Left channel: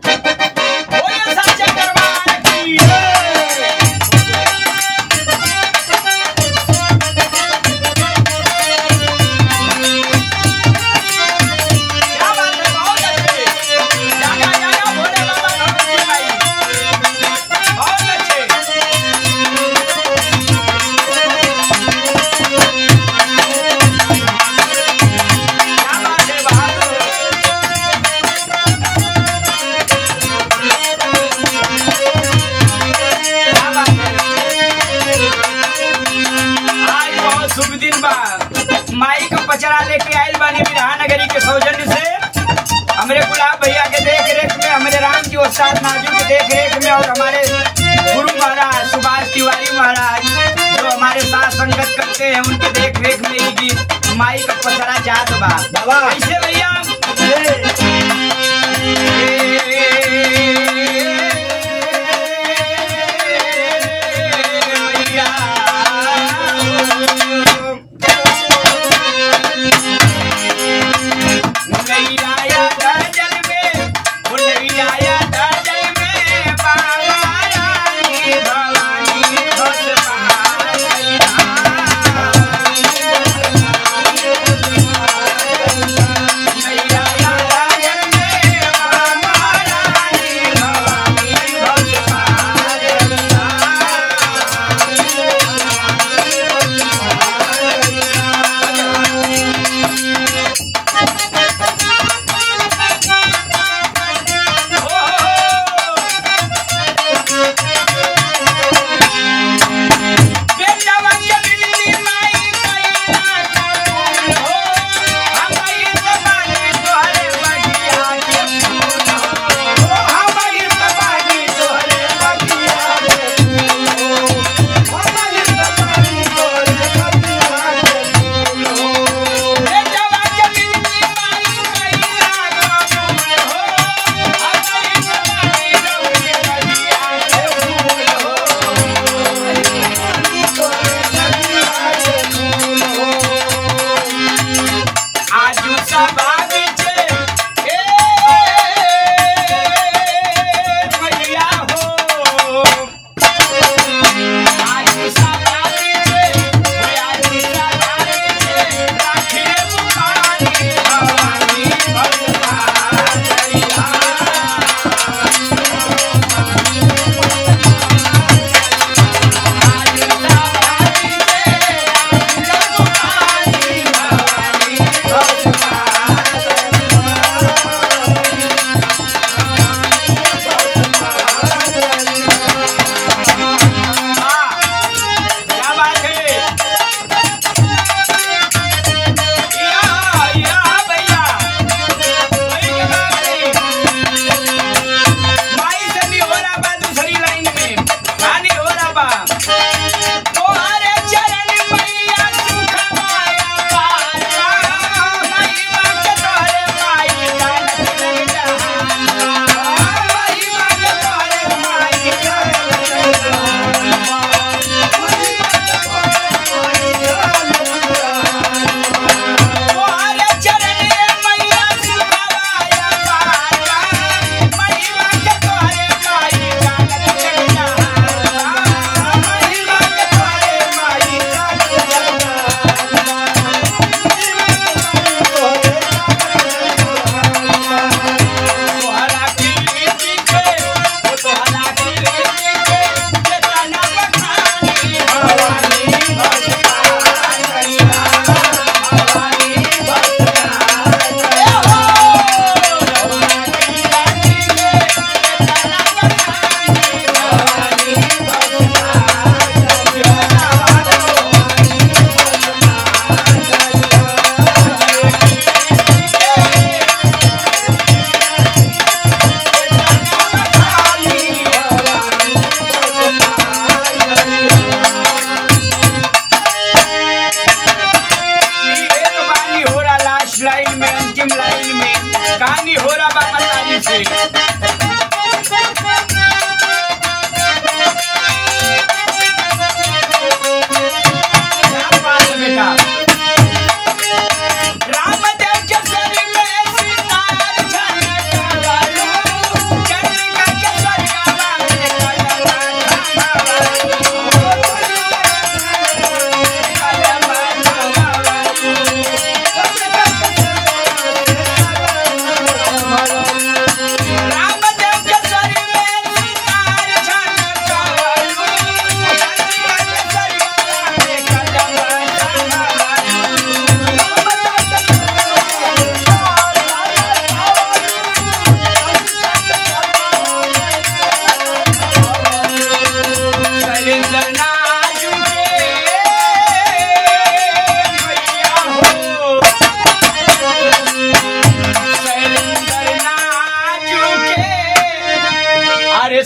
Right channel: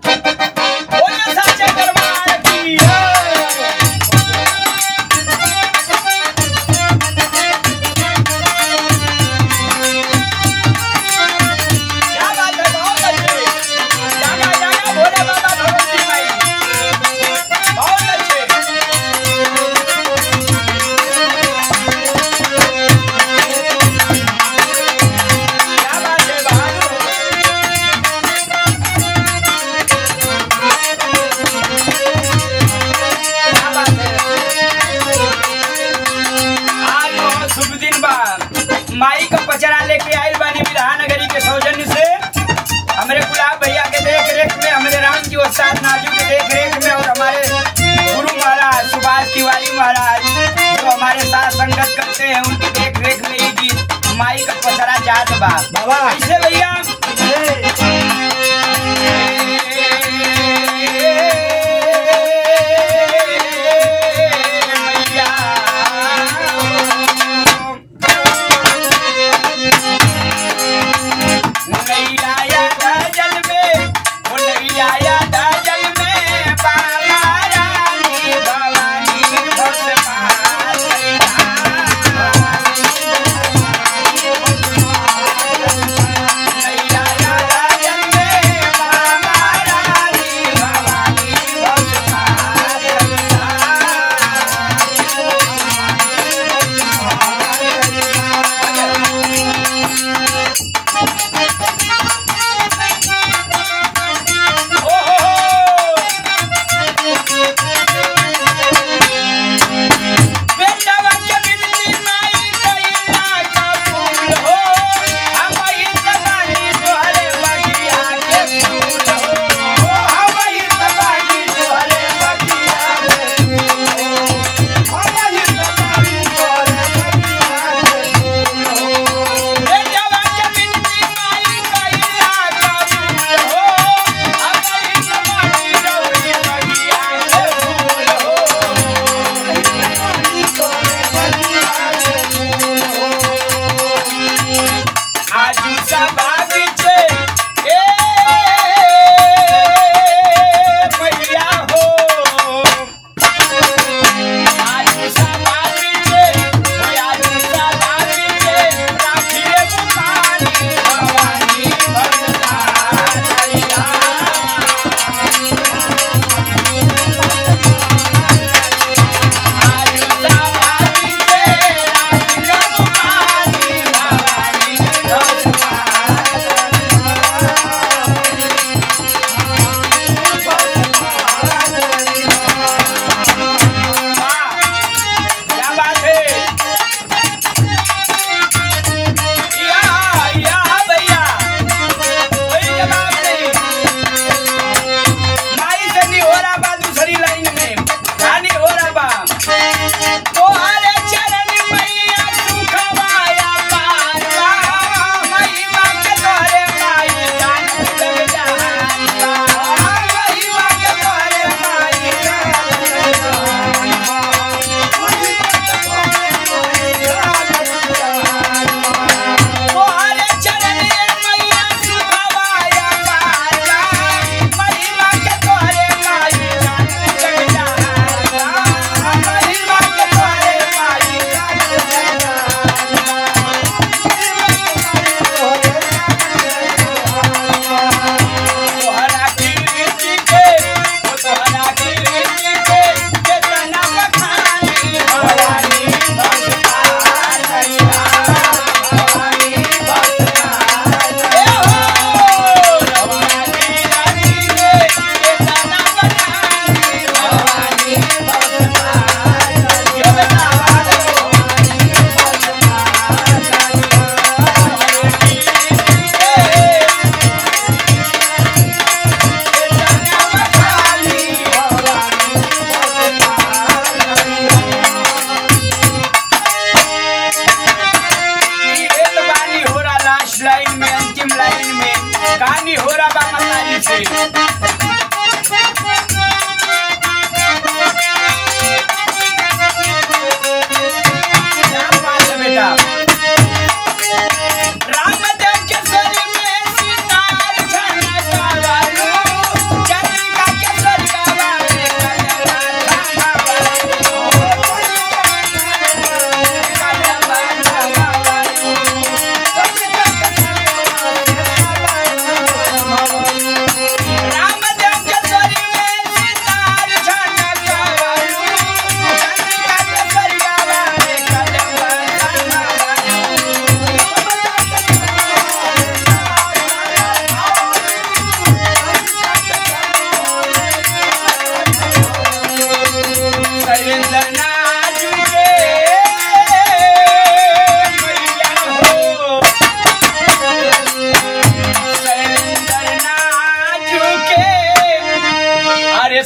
बोले सच्चे दरबार की क्या बात है, बहुत अच्छे। जागा जागा भोले बाबा भगवती माई, बहुत अच्छे। क्या बात है बहादुर। क्या बात है। आज बहुत शुभ दिन बा। माई का पचरा लेके आयल बानी विधानगरी के सौजन्य से हमारे गुलाब भैया के देख रेख में, हमारे राम जी उस्ताद नाजू के देख रेख में, और हमारे गुरु महाराज सुभाष तिवारी महाराज जो हमारे साथ संगत करते हैं, उनके देख रेख में ये गीत माई का पचरा जात बा। बाबा कैसे भैया?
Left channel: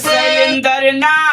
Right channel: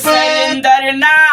शैलेंद्र नाथ